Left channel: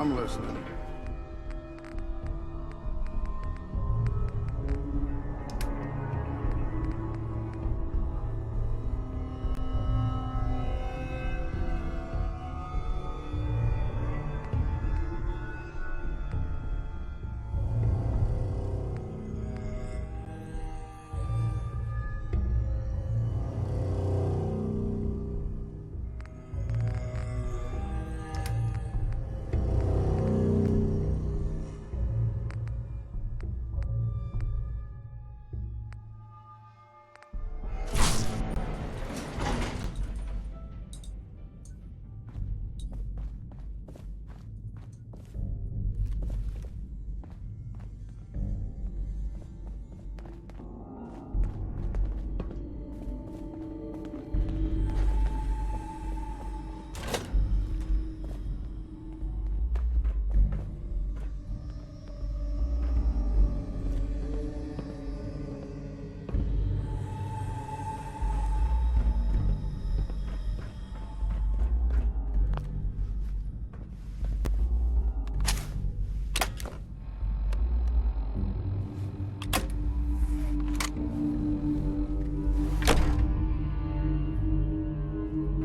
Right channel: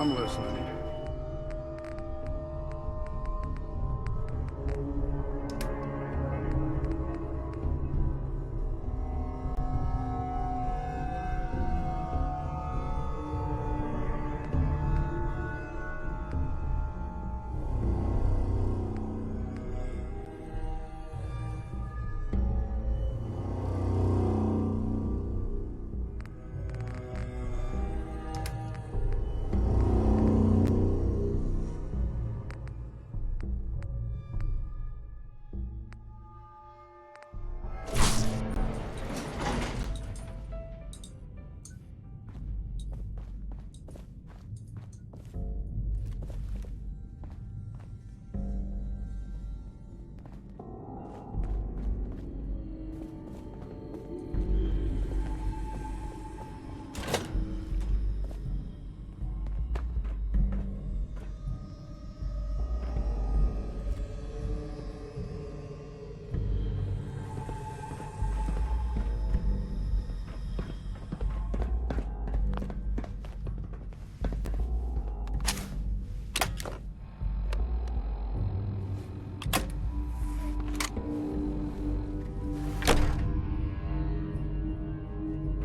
I'm listening.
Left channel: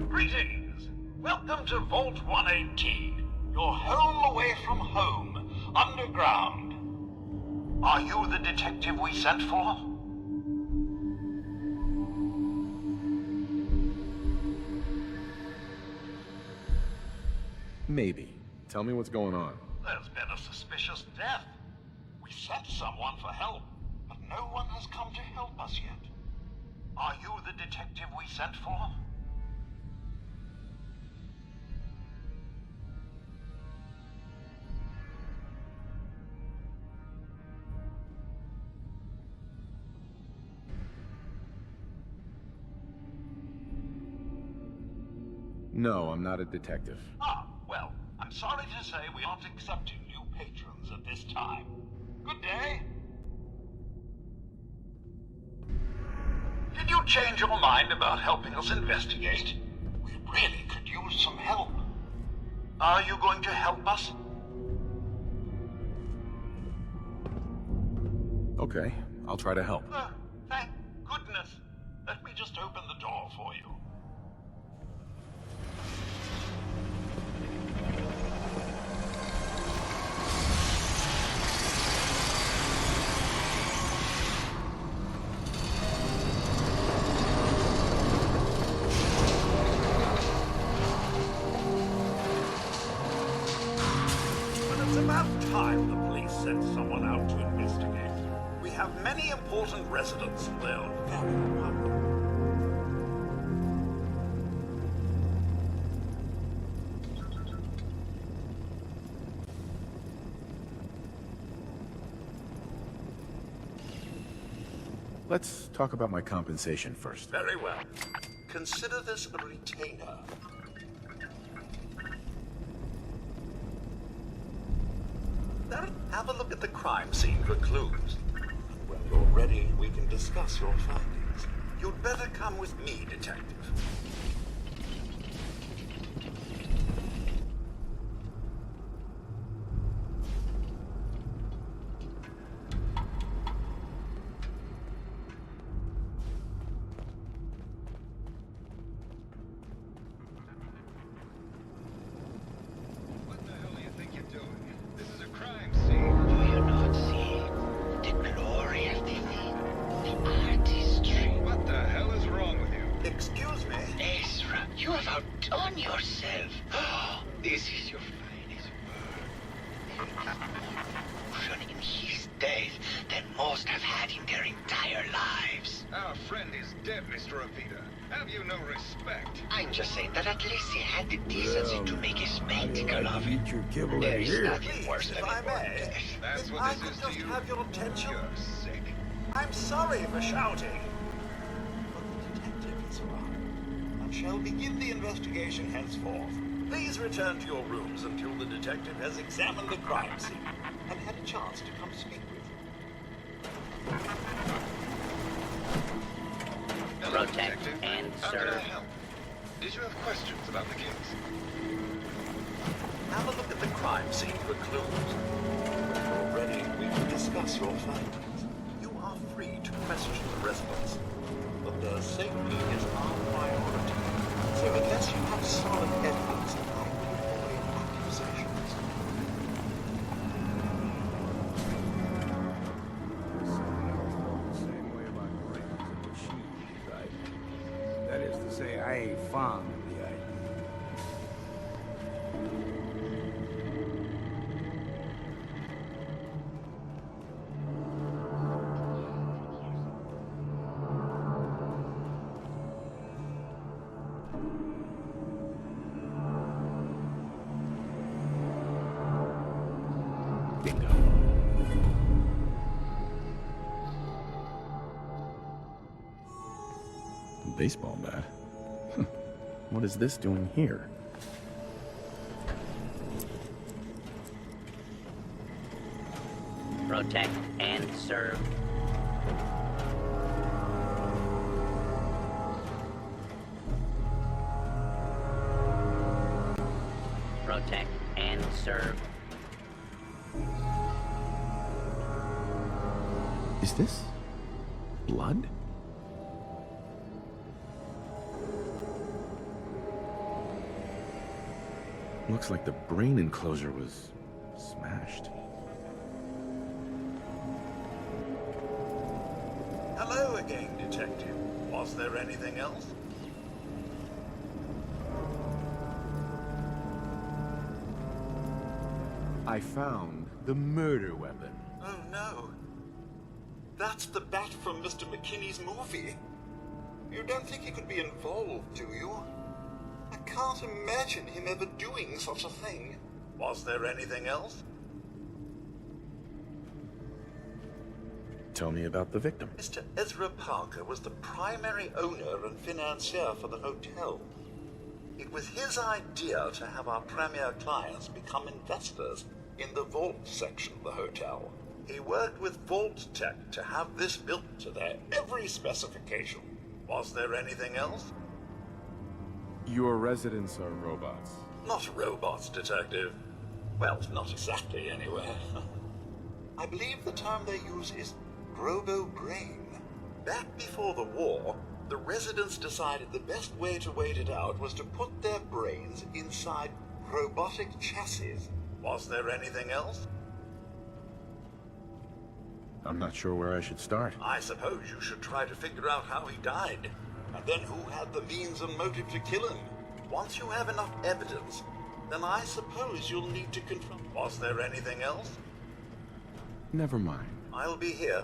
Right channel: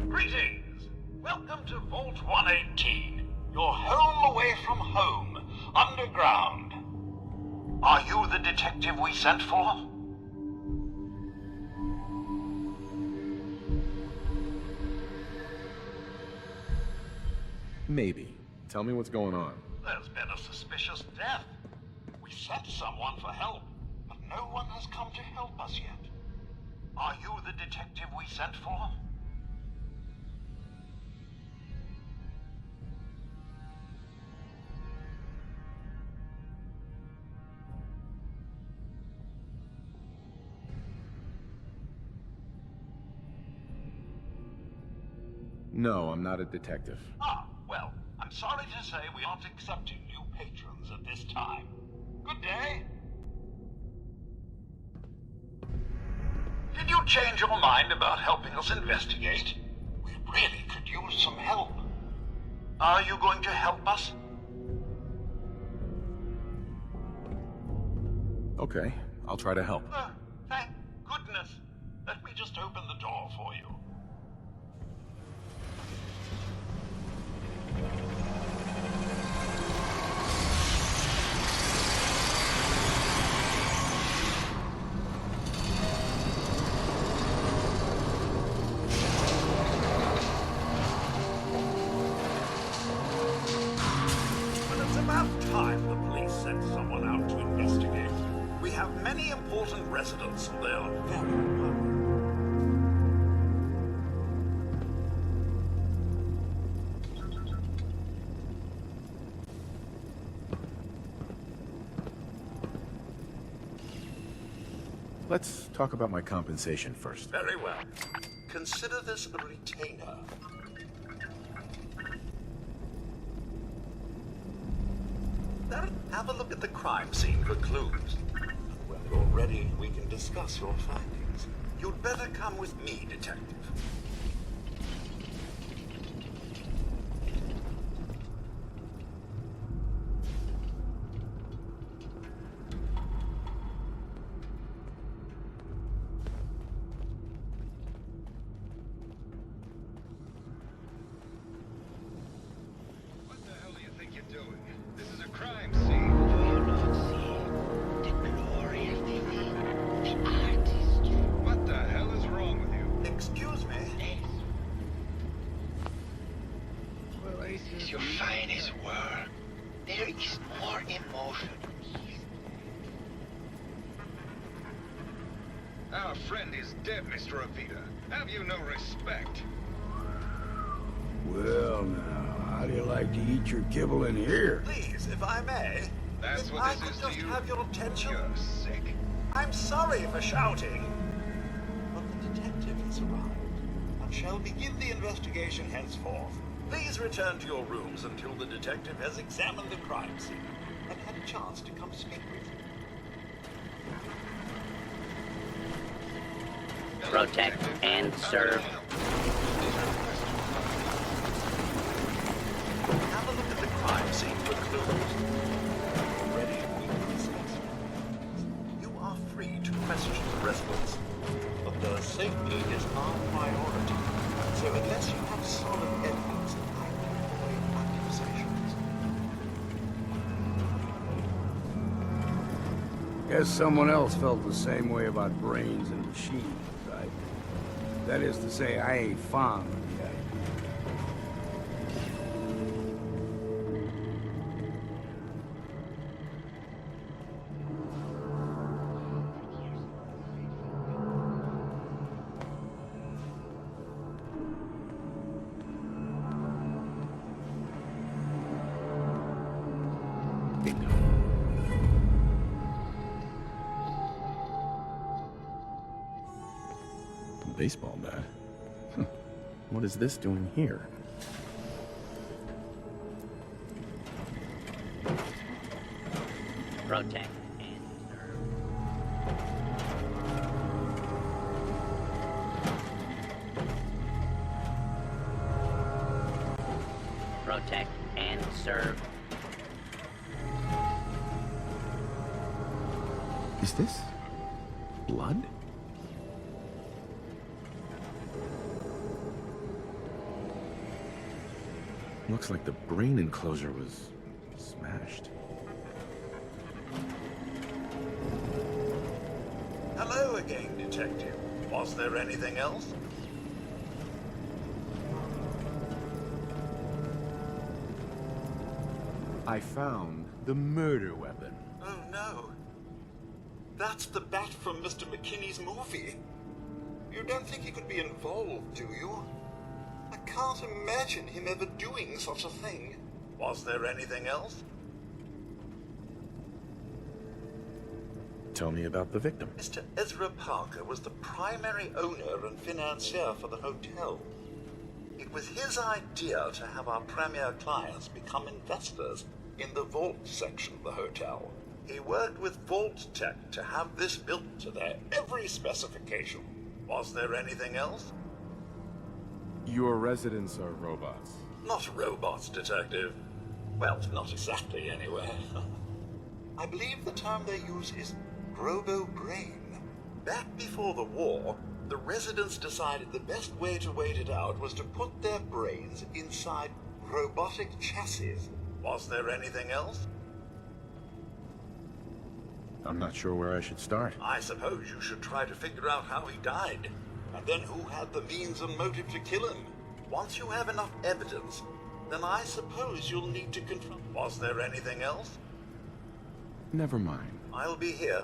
Greetings! Welcome to Vault 118, your home away from home, underground. Are you the detective we sent for? Maybe. Tell me what's going on. There's been a suspicious death. We sent someone for help, but no one has come to help us yet. Are you the detective we sent for? No, I'm not a detective. Ah, well, I'm sorry to say we aren't accepting new patrons at this time. Good day. Did you change your mind about helping us investigate? We really could use some help. Are you going to help us? Okay, I'll try to help. Thank goodness. Let me just open the door for you. About time the police sent someone out to investigate. We have many important residents and they're very unhappy. Let's talk about my compensation first. Very well. Consider this a retainer. Now, have a look at the crime scene for clues. When you're ready, we can discuss your findings. You'd better come with me, Detective. Excuse me? Ezra, you have outdone yourself. This is your finest work. There is more emotion in his death than most have had in their entire lives. Our friend is dead, Mr. Avita. Have you no respect? I'm just saying that at least he had the decency to make his How do you spectacle like to of eat your kibble in There's here? nothing Please, worse if than I a may, That's if what I this could is to just you? have your attention. You're sick. I'm sorry for shouting, but the detective has arrived and shall begin the investigation henceforth. Please return to your rooms until the detective has examined the crime scene and had a chance to come speak with you. Hello, Protect Detective. and How can I serve. help? Did you have questions about the case? How have a look at the crime scene for clues. You're ready, we can discuss your findings. You are free to question the residents, but their safety is our priority. So unless you have solid evidence, I will avoid accusations. Guess someone else felt the same way about brains and machines as I did. That is to say, I ain't fond of the idea. Bingo. A baseball bat? Huh. What is this doing here? Protect and serve. Protect and serve. Is this blood? Looks like the brain enclosure was smashed. Hello again, Detective. Was there anything else? I found the murder weapon. Oh no. That's the bat from Mr. McKinney's movie. You don't think he could be involved, do you? I can't imagine him ever doing such a thing. Was there anything else? Tell me about the victim. Mr. Ezra Parker was the primary owner and financier for the hotel. It was his idea to have our premier clients become investors in the vault section of the hotel. He worked with Vault Tech to have this built to their every specification. Was there anything else? Your residents are robots. Not robots, Detective. Well, not exactly, anyway. I believe the term they use is robo-brain. Back before the war, the residents decided the best way to wait it out was to put their brains inside robotic chassis. Was there anything else? I'm not sure where I should start. I suppose you should try to figure out how he died, and then who had the means and motive to kill him. Once you have enough evidence, then I suppose you'll need to confront. Was there anything else? Never mind. I'll be here.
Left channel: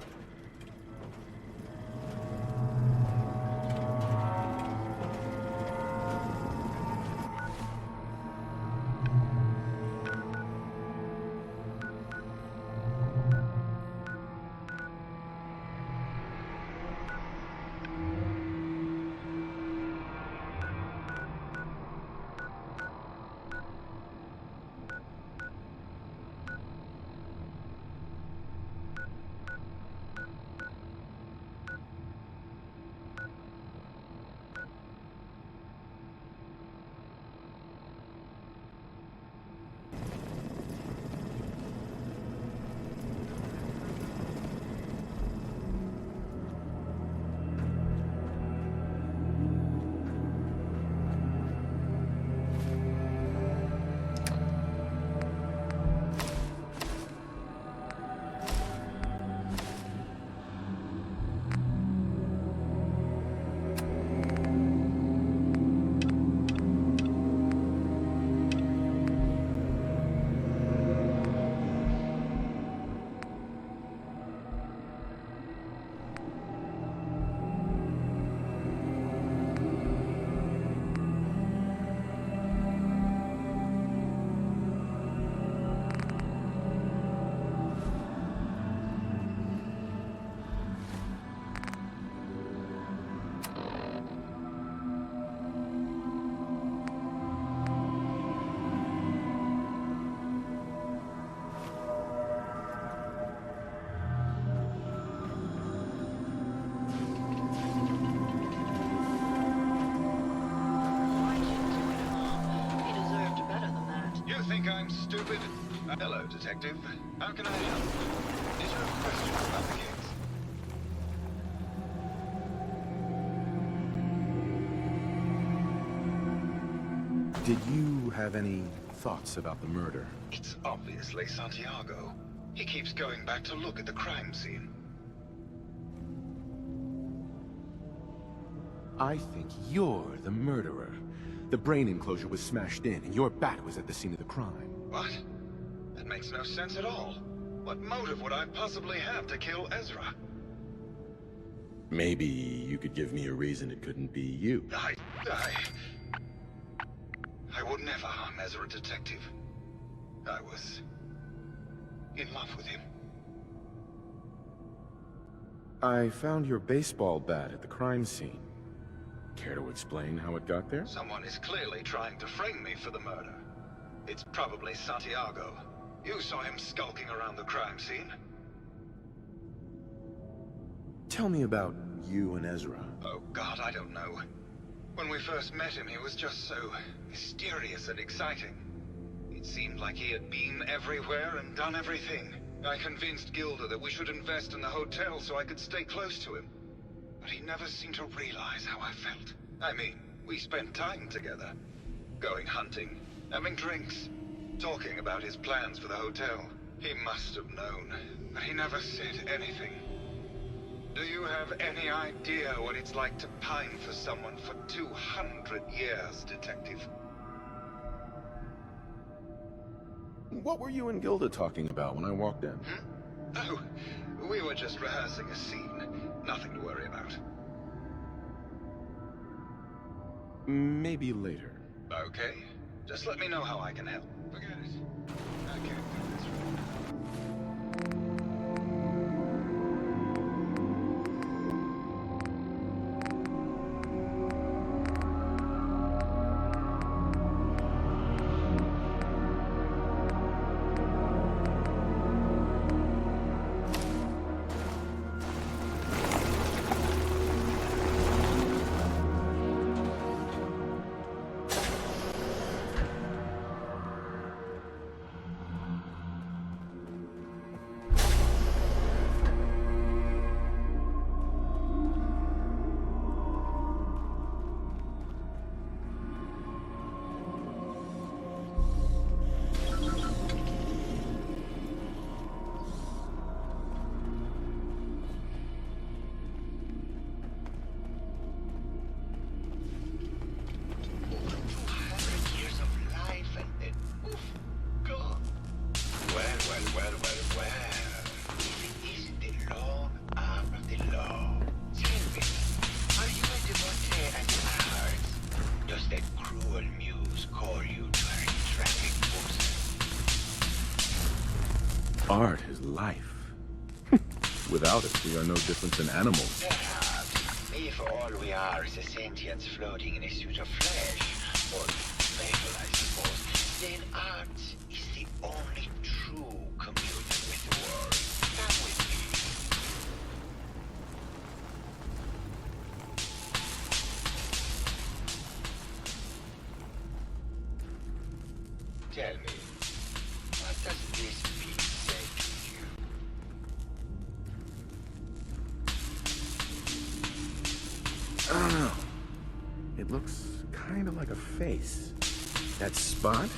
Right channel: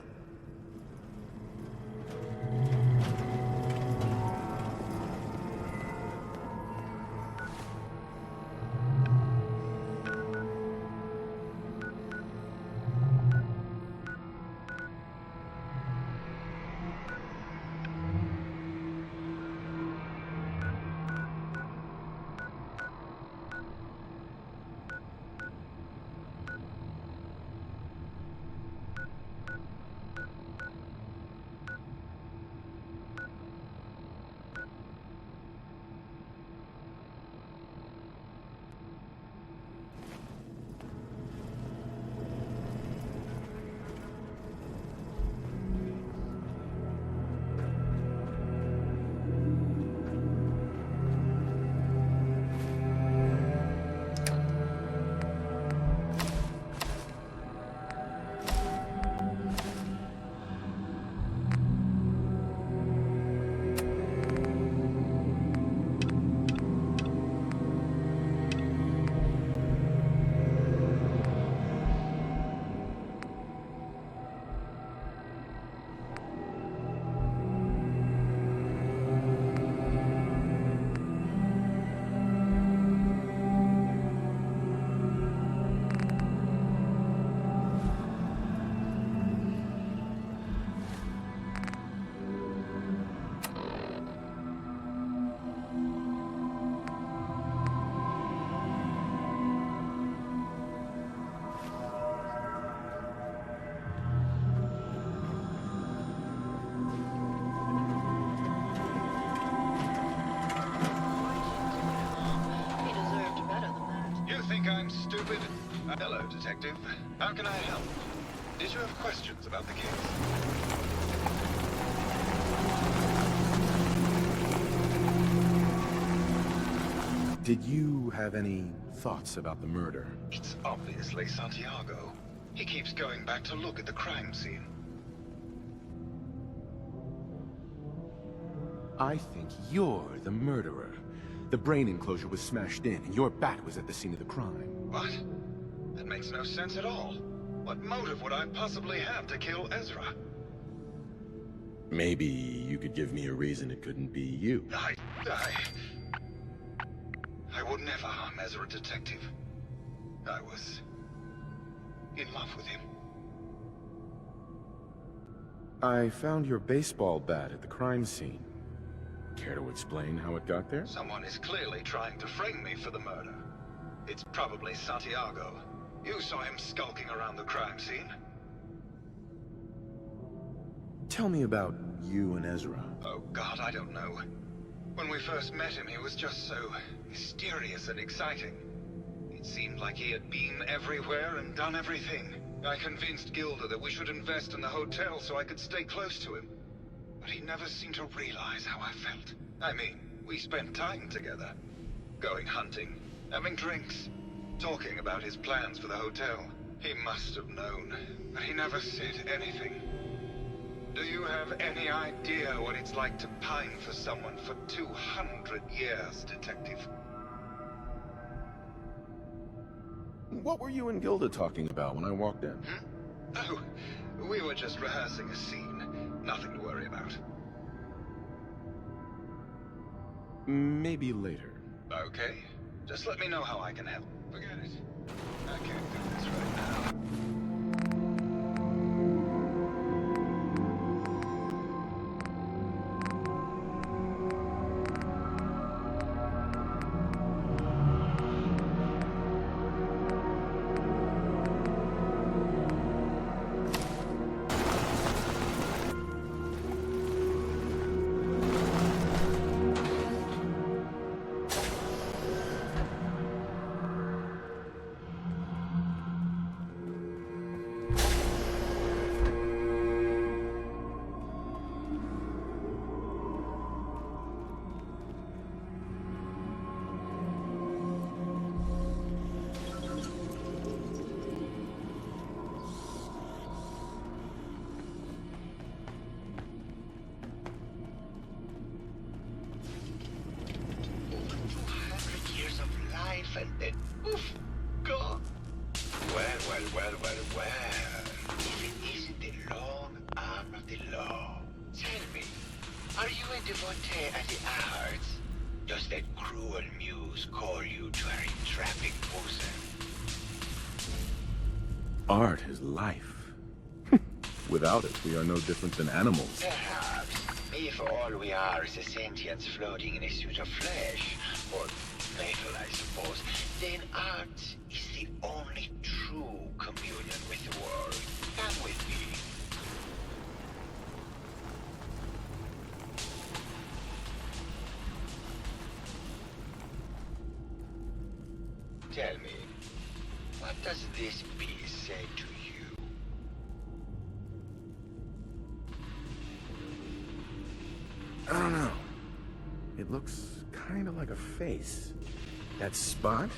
think I'm stupid? Hello, Detective. How can I help? Did you have questions about the case? Did you have any thoughts about the murder? It's obviously Santiago. He keeps going back to look at the crime scene. I think you're the murderer. The brain enclosure was smashed in, and your bat was at the scene of the crime. What? That makes no sense at all. What motive would I possibly have to kill Ezra? Maybe you could give me a reason it couldn't be you. I would never harm Ezra, Detective. I was in love with him. I found your baseball bat at the crime scene. Care to explain how it got there? Someone is clearly trying to frame me for the murder. It's probably Santiago. You saw him skulking around the crime scene. Tell me about you and Ezra. Oh God, I don't know. When we first met him, he was just so mysterious and exciting. It seemed like he had been everywhere and done everything. I convinced Gilda that we should invest in the hotel so I could stay close to him. But he never seemed to realize how I felt. I mean, we spent time together. Going hunting, having drinks, talking about his plans for the hotel. He must have known, but he never said anything. Do you have any idea what it's like to pine for someone for 200 years, Detective? What were you and Gilda talking about when I walked in? Oh, we were just rehearsing a scene. Nothing to worry about. Maybe later. Okay. Just let me know how I can help. Forget it. I can't do this right now. Well. If it isn't the long arm of the law. Tell me, are you a devotee of the arts? Does that cruel muse call you to her traffic bosom? Art is life. Without it, we are no different than animals. Perhaps, if all we are is a sentience floating in a suit of flesh, or metal, I suppose, then art is the only true communion with the world. Come with me. Tell me, what does this piece say to you? I don't know. It looks kind of like a face. That spot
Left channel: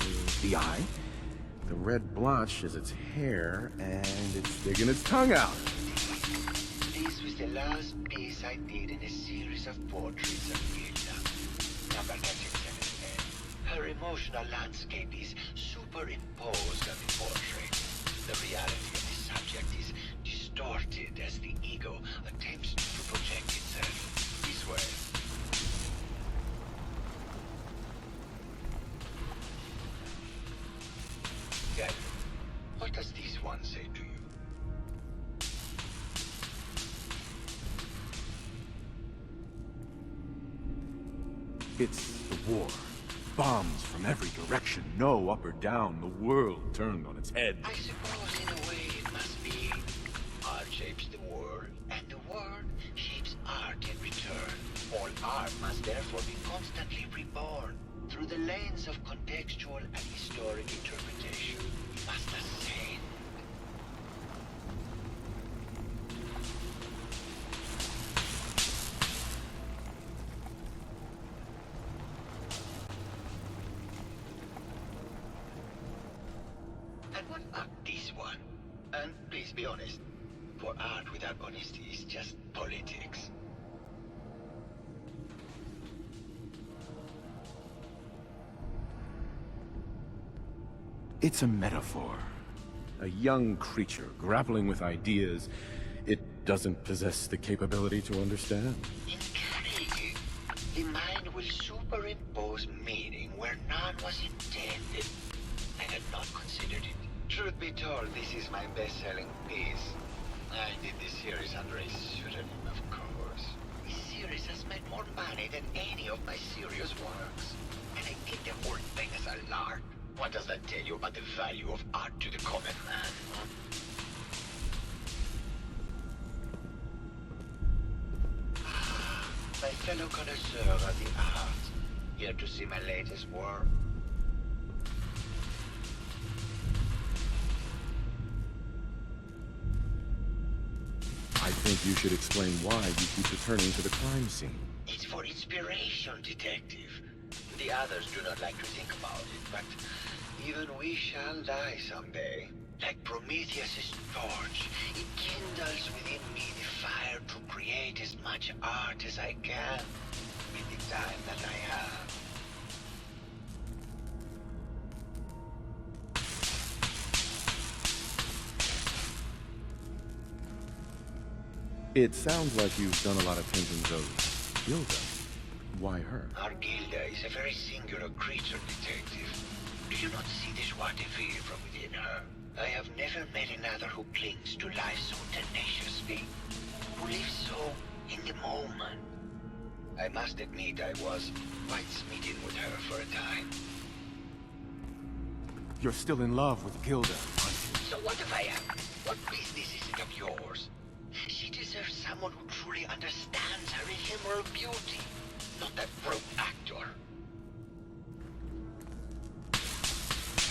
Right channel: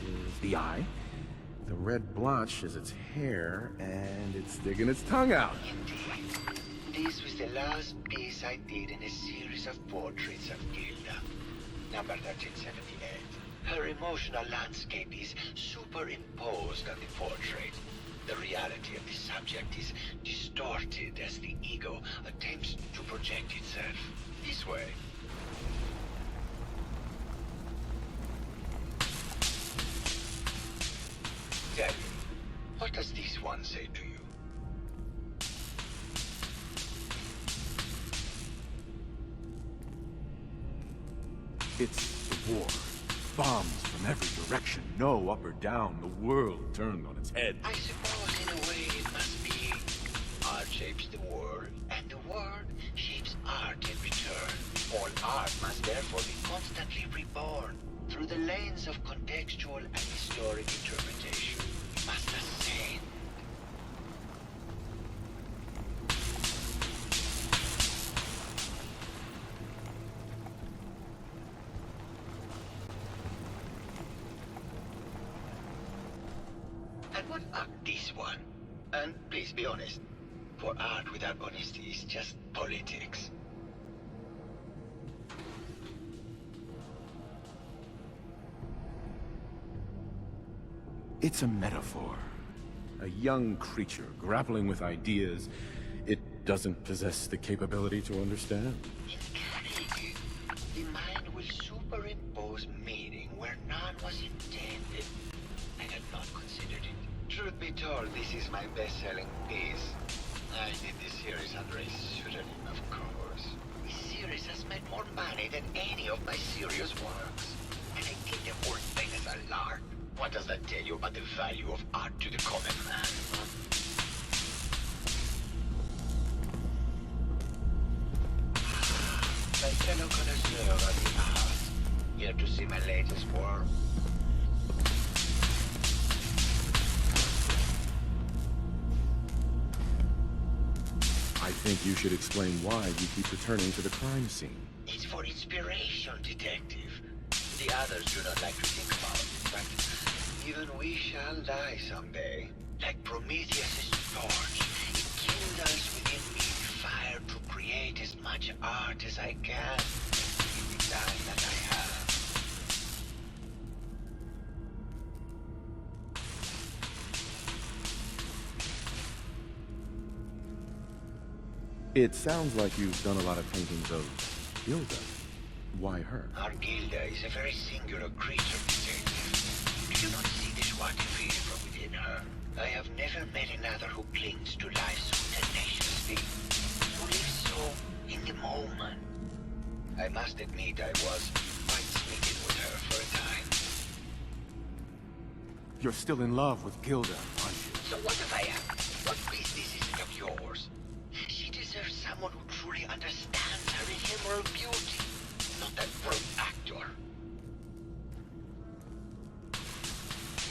is the eye. The red blotch is its hair, and it's sticking its tongue out. This was the last piece I did in a series of portraits of Gilda, number 1378. Her emotional landscape is superimposed on the portrait. The reality of the subject is distorted as the ego attempts to project itself this way. Tell me, what does this one say to you? It's the war. Bombs from every direction. No up or down. The world turned on its head. I suppose in a way it must be. Art shapes the world, and the world shapes art in return. All art must therefore be constantly reborn, through the lens of contextual and historic interpretation. You must ascend. And what about this one? And please be honest, for art without honesty is just politics. It's a metaphor. A young creature grappling with ideas it doesn't possess the capability to understand. Intriguing. The mind will superimpose meaning where none was intended. I had not considered it. Truth be told, this is my best-selling piece. I did this series under a pseudonym, of course. This series has made more money than any of my serious works. And I think the whole thing is a lark. What does that tell you about the value of art to the common man? Huh? My fellow connoisseur of the art, here to see my latest work. I think you should explain why you keep returning to the crime scene. It's for inspiration, detective. The others do not like to think about it, but even we shall die someday. Like Prometheus' torch, it kindles within me the fire to create as much art as I can in the time that I have. It sounds like you've done a lot of paintings of Gilda. Why her? Our Gilda is a very singular creature, detective. Do you not see the joie de vivre from within her? I have never met another who clings to life so tenaciously, who lives so in the moment. I must admit I was quite smitten with her for a time. You're still in love with Gilda, aren't you? So what if I am? What business is it of yours? She deserves someone who truly understands her ephemeral beauty, not that brute actor.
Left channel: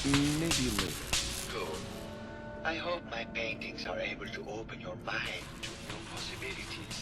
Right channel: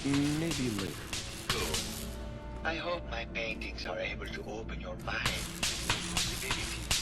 Maybe later. Good. I hope my paintings are able to open your mind to new possibilities.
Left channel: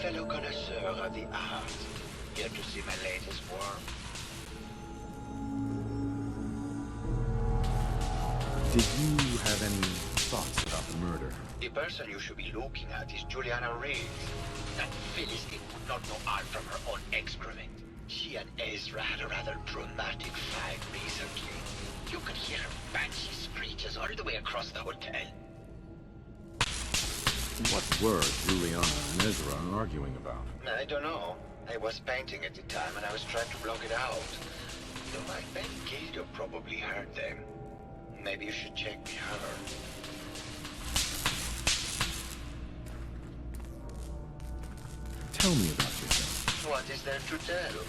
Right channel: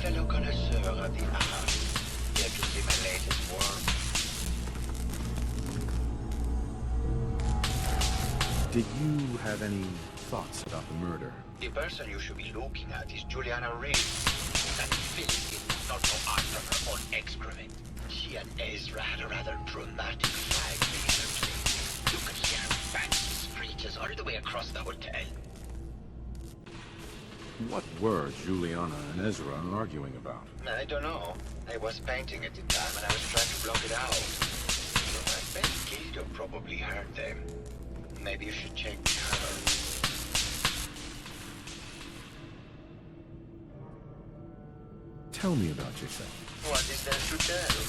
Fellow connoisseur of the art, here to see my latest work. Did you have any thoughts about the murder? The person you should be looking at is Juliana Reed. That Philistine would not know art from her own excrement. She and Ezra had a rather dramatic fight recently. You could hear her banshee screeches all the way across the hotel. What were Juliana and Ezra arguing about? I don't know. I was painting at the time and I was trying to block it out. So I bet Gilda probably heard them. Maybe you should check her. Tell me about yourself. What is there to tell?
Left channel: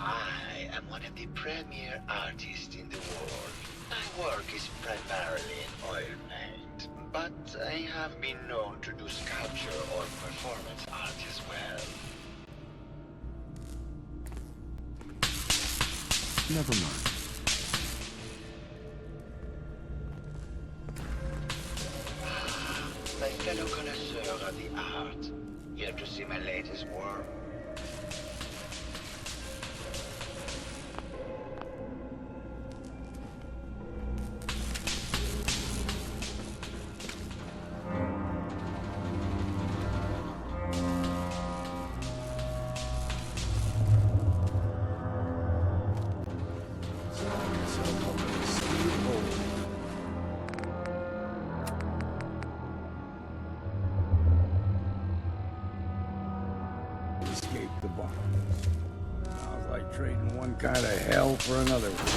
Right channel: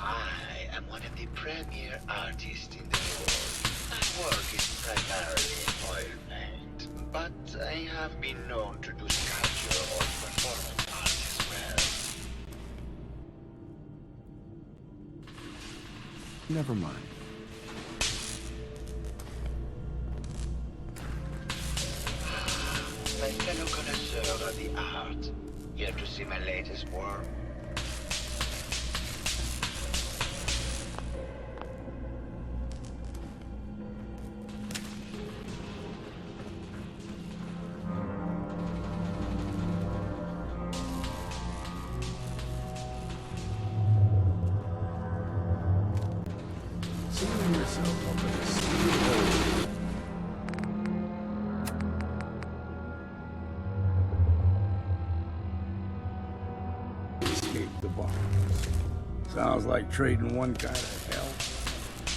I am one of the premier artists in the world. My work is primarily in oil paint, but I have been known to do sculpture or performance art as well. Never mind. My fellow connoisseur of the art. Here to see my latest work. Sealing yourself up in a steel hole. Escape the bombs. Sounds like trading one kind of hell for another one.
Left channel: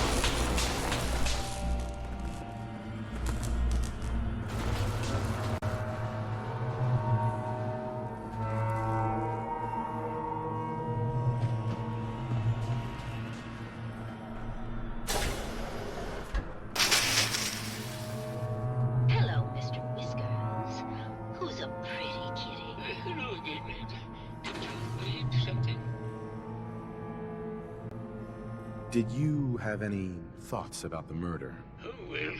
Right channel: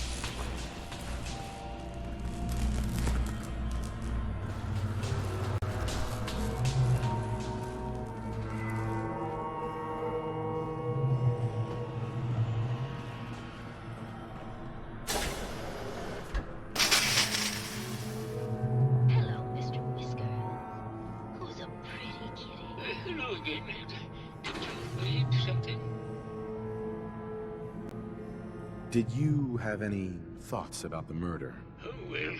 Hello, Mr. Whiskers. Who's a pretty kitty? Hello again. Did you read something? Did you have any thoughts about the murder? Oh, well,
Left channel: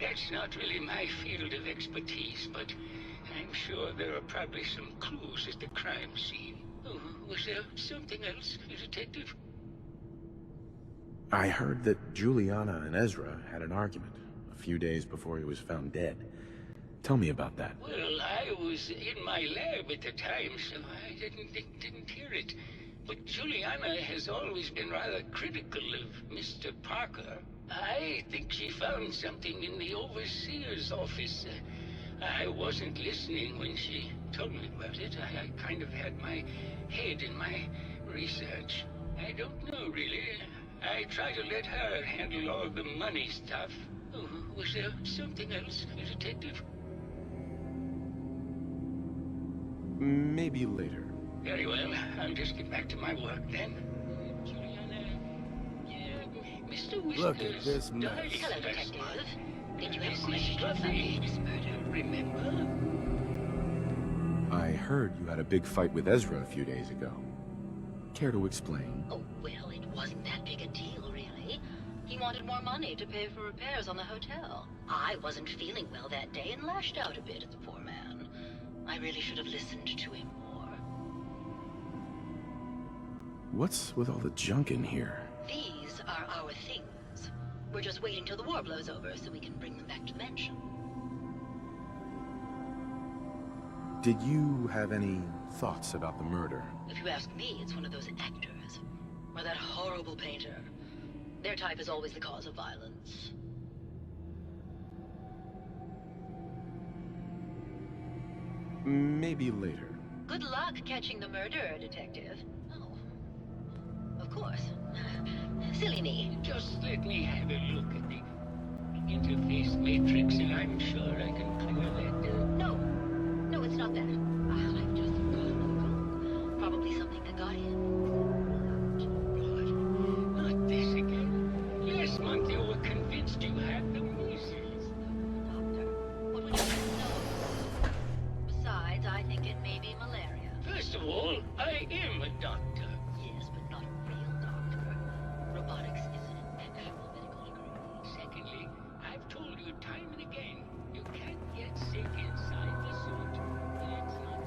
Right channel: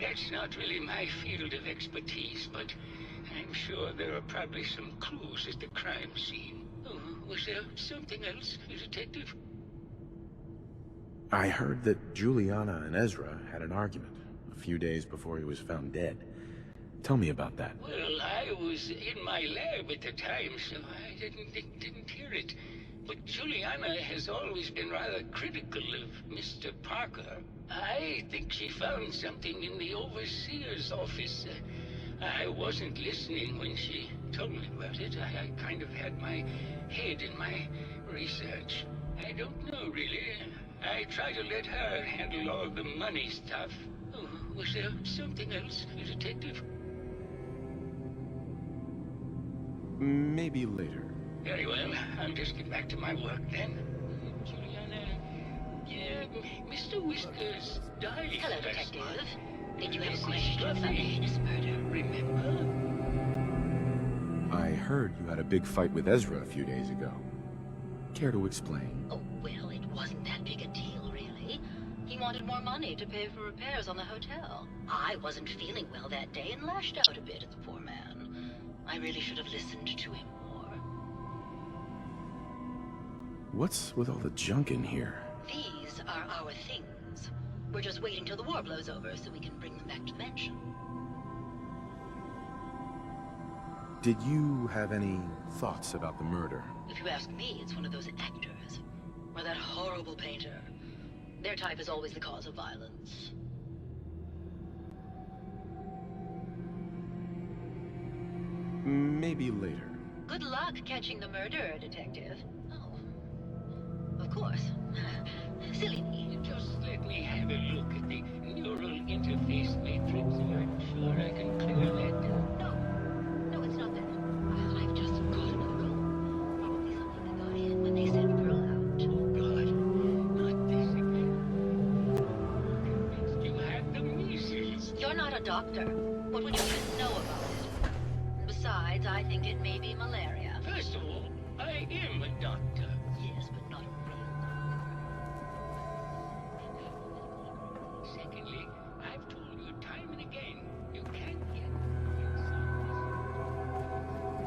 that's not really my field of expertise, but I'm sure there are probably some clues at the crime scene. Oh, was there something else, Detective? I heard that Juliana and Ezra had an argument a few days before he was found dead. Tell me about that. Well, I was in my lab at the time, so I didn't hear it. But Juliana has always been rather critical of Mr. Parker. I think she found something in the overseer's office. I wasn't listening when she told me about it. I kind of had my head in my research. I don't know, really. I try to let her handle all the money stuff. Oh, was there something else, Detective? Maybe later. Very well. I'll just get back to my work then. Juliana, Mr. Look at Whiskers this mess. died Hello, last Detective. month. Did you have This a is question about Fluffy. this murder? Remember? I heard you had a big fight with Ezra a few days ago. Care to explain? Oh, well, it wasn't that big a deal, really. He wanted more money to pay for repairs on the hotel. I wasn't feeling well that day and lashed out a bit at the poor man. I really should have listened to him more. What's with all the junk in here? These are our things. We're just waiting till the war blows over so we can bring them back to the mansion. Did you have any thoughts about the murder? If you ask me, it's one of those actors. Or that horrible painter. Their type is always the cause of violence. Maybe later. Good luck catching the murderer, Detective. Oh. Of course. Silly me. Just let me have a look at the neural interface matrix, and I'm sure I can clear that. No. No, it's not that. I've just got another room. Probably something that got in when they sent Pearl out. Oh, God. Not this again. Last month you were convinced you had the measles. You're not a doctor. What would you know about it? Besides, I think it may be malaria. First of all, I am a doctor. Yes, but not a real doctor. Robotics is an actual medical degree. Secondly, I've told you time and again, you can't get sick inside the suit. It's not...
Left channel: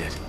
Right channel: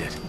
is it.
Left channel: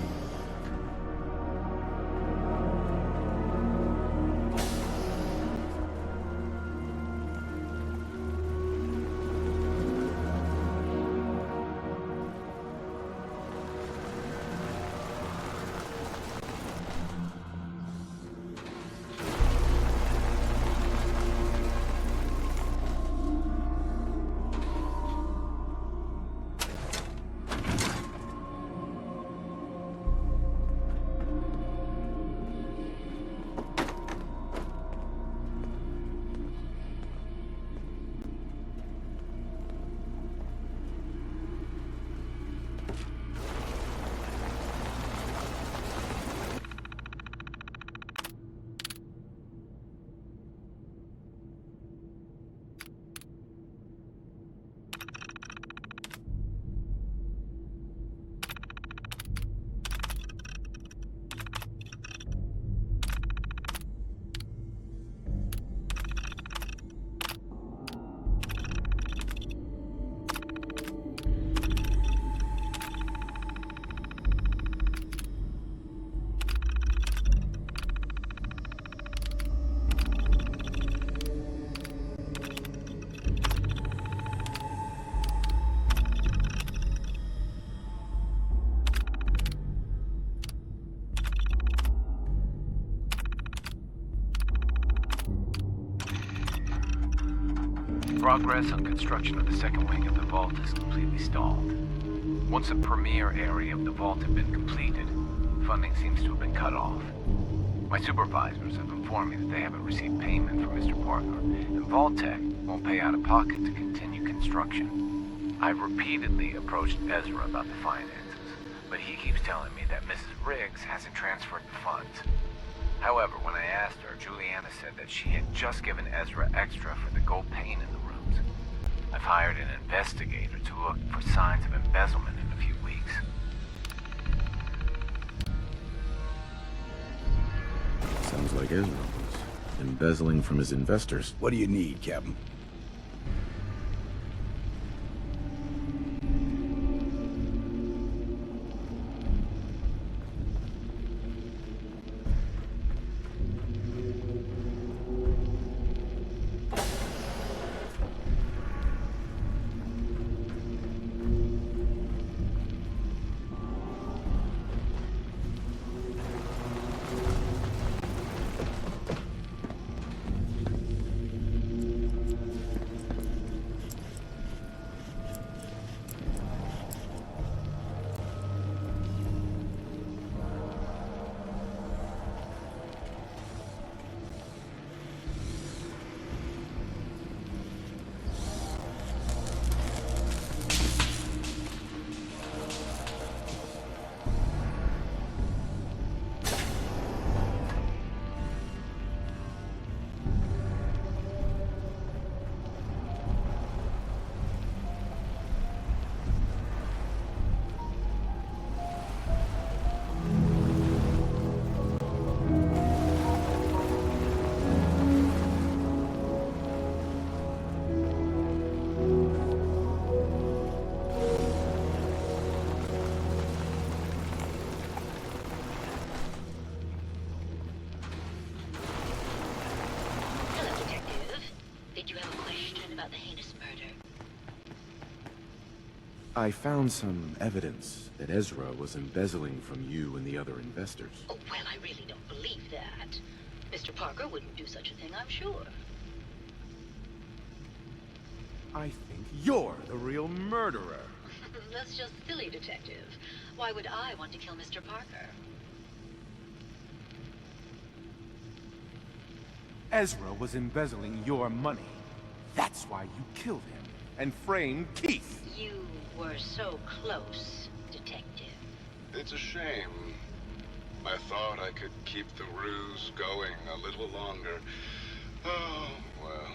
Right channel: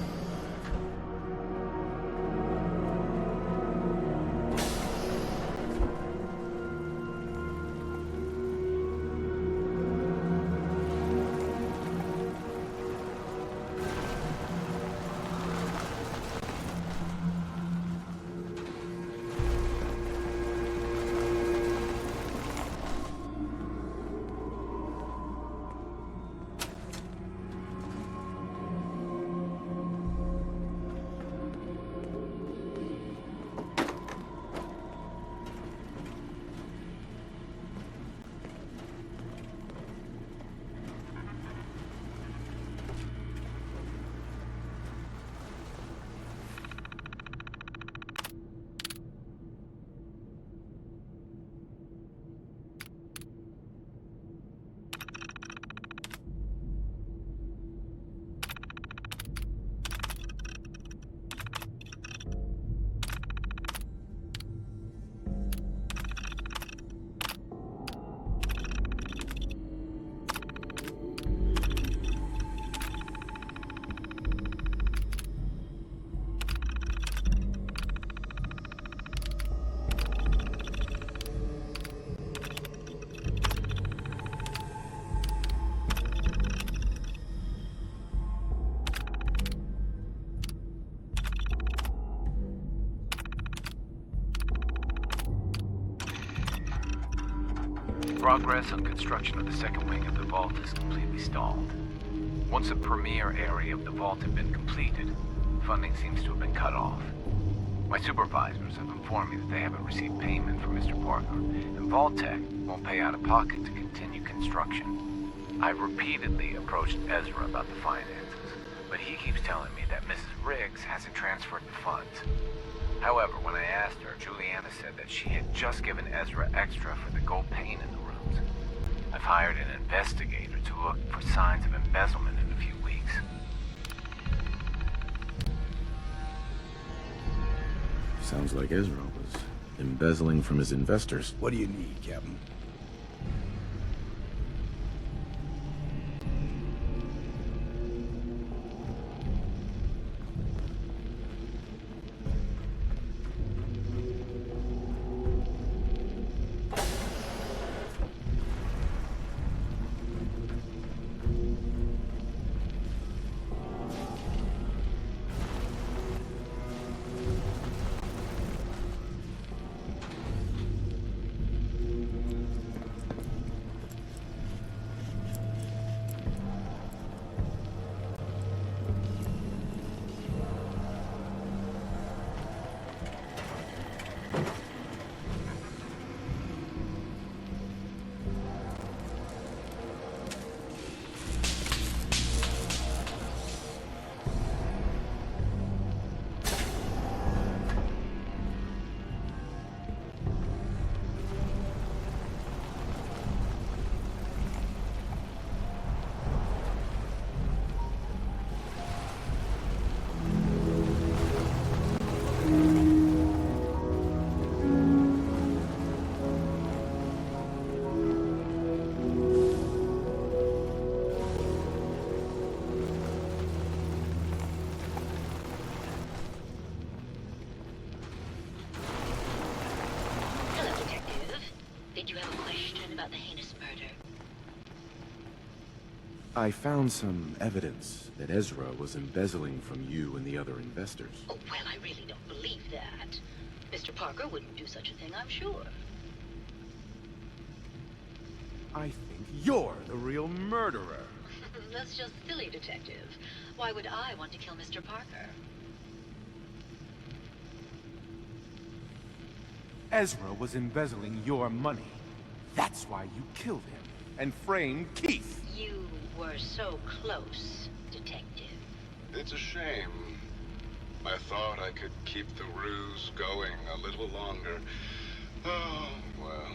Progress on construction of the second wing of the vault is completely stalled. Once the premier area of the vault had been completed, funding seems to have been cut off. My supervisors have informed me that they haven't received payment from Mr. Parker, and Vault-Tec won't pay out of pocket to continue construction. I've repeatedly approached Ezra about the finances, but he keeps telling me that Mrs. Riggs hasn't transferred the funds. However, when I asked her, Juliana said that she had just given Ezra extra for the gold paint in the rooms. I've hired an investigator to look for signs of embezzlement in a few weeks. Sounds like Ezra was embezzling from his investors. What do you need, Captain? About the heinous murder. I found some evidence that Ezra was embezzling from you and the other investors. Oh, well, I really don't believe that. Mr. Parker wouldn't do such a thing, I'm sure. I think you're the real murderer. That's just silly, Detective. Why would I want to kill Mr. Parker? Ezra was embezzling your money. That's why you killed him and framed Keith. You were so close, Detective. It's a shame. I thought I could keep the ruse going a little longer. Oh, well.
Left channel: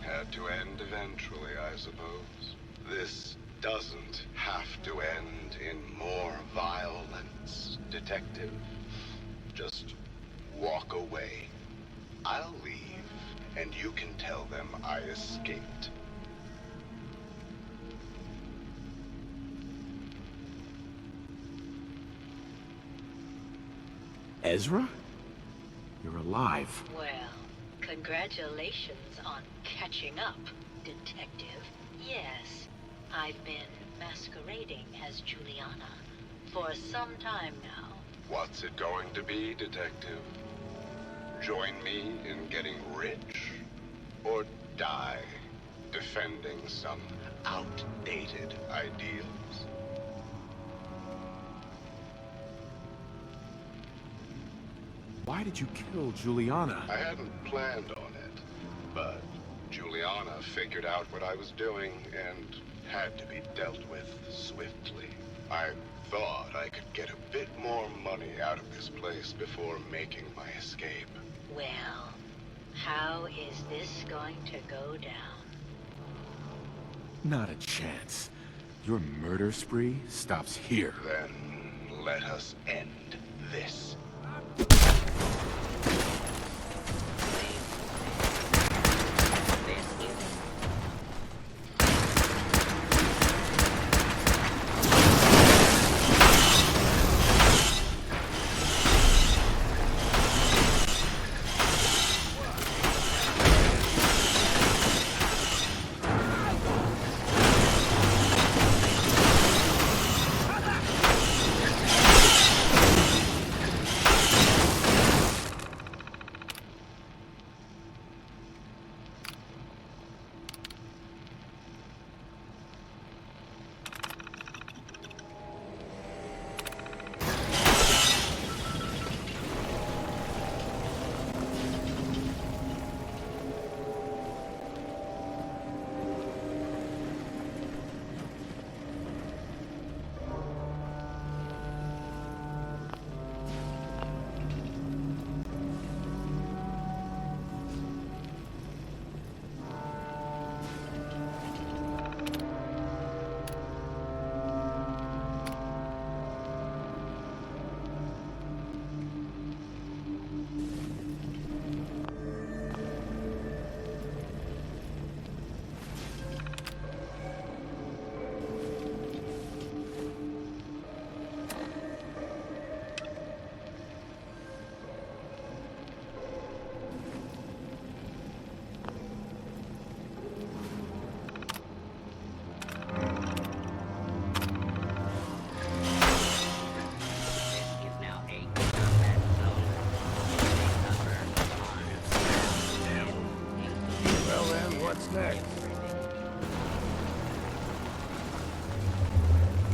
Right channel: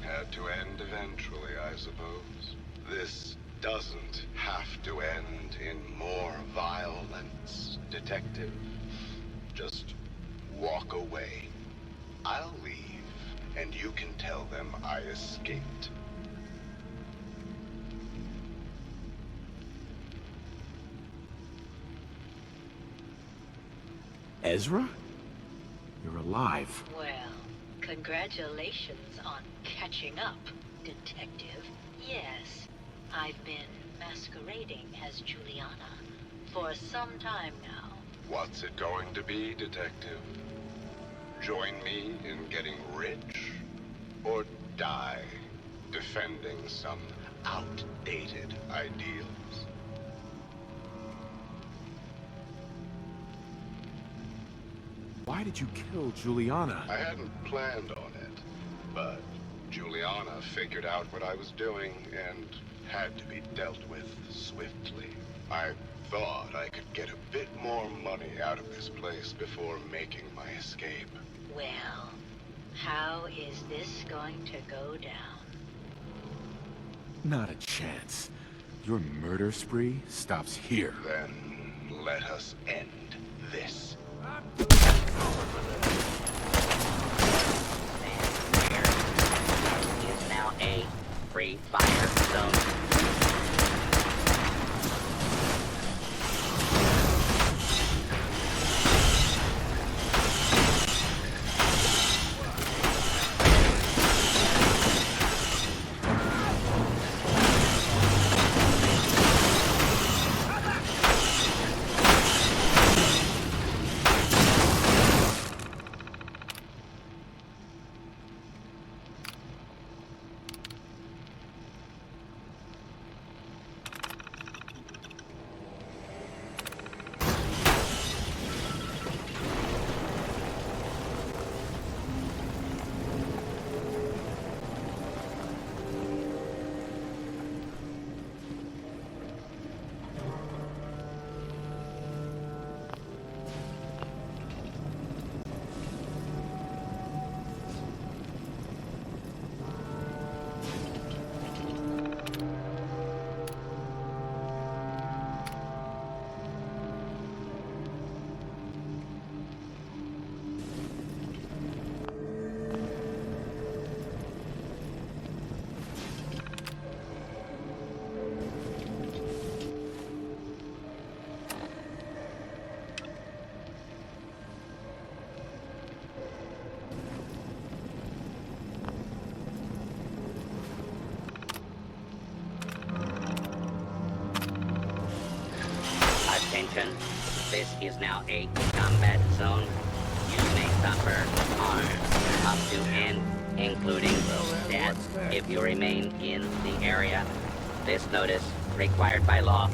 Had to end eventually, I suppose. This doesn't have to end in more violence, Detective. Just walk away. I'll leave. And you can tell them I escaped. Ezra? You're alive. Well, congratulations on catching up, Detective. Yes, I've been masquerading as Juliana for some time now. What's it going to be, Detective? Join me in getting rich? Or die defending some outdated ideals? Why did you kill Juliana? I hadn't planned on it, but Juliana figured out what I was doing and had to be dealt with swiftly. I thought I could get a bit more money out of this place before making my escape. Well, how is this going to go down? Not a chance. Your murder spree stops here. Then let us end this. This is now a free fire zone. Is now a combat zone. You may suffer harm up to and including death if you remain in the area. This notice required by law.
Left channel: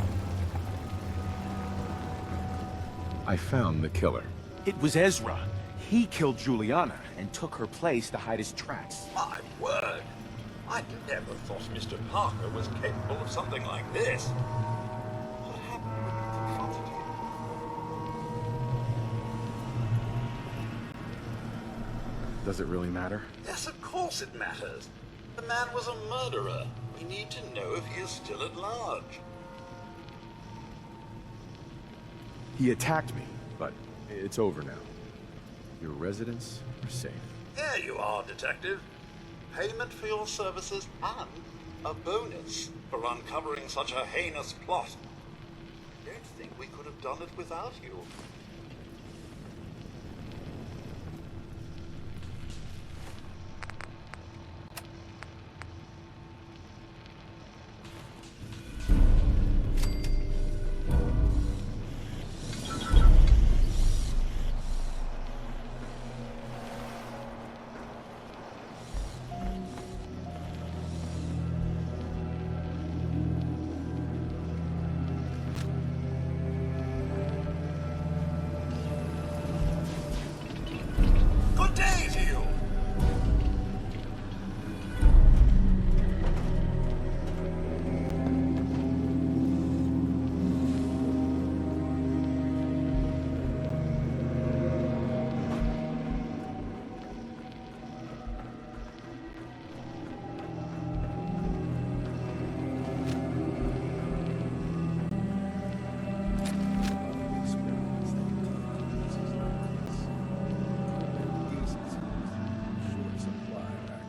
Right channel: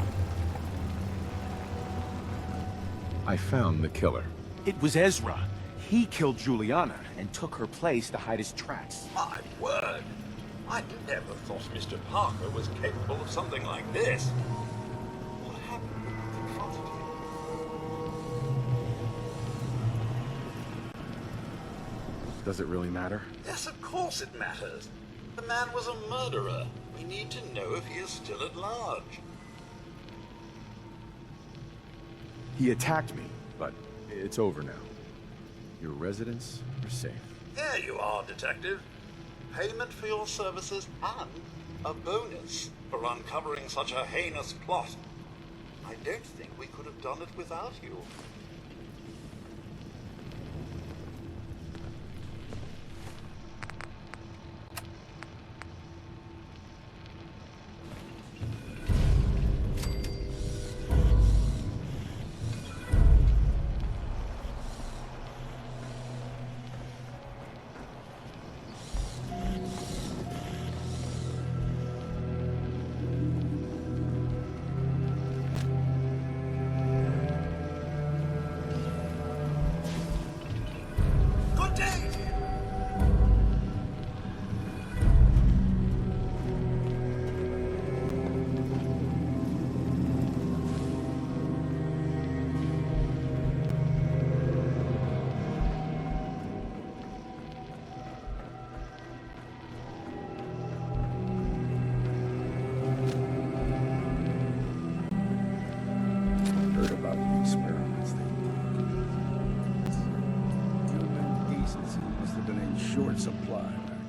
I found the killer. It was Ezra. He killed Juliana and took her place to hide his tracks. My word! I never thought Mr. Parker was capable of something like this. What happened when you confronted him? Does it really matter? Yes, of course it matters. The man was a murderer. We need to know if he is still at large. He attacked me, but it's over now. Your residents are safe. There you are, Detective. Payment for your services and a bonus for uncovering such a heinous plot. I don't think we could have done it without you. Good day to you! Heard about the experiments they did. Human decency must have been in short supply back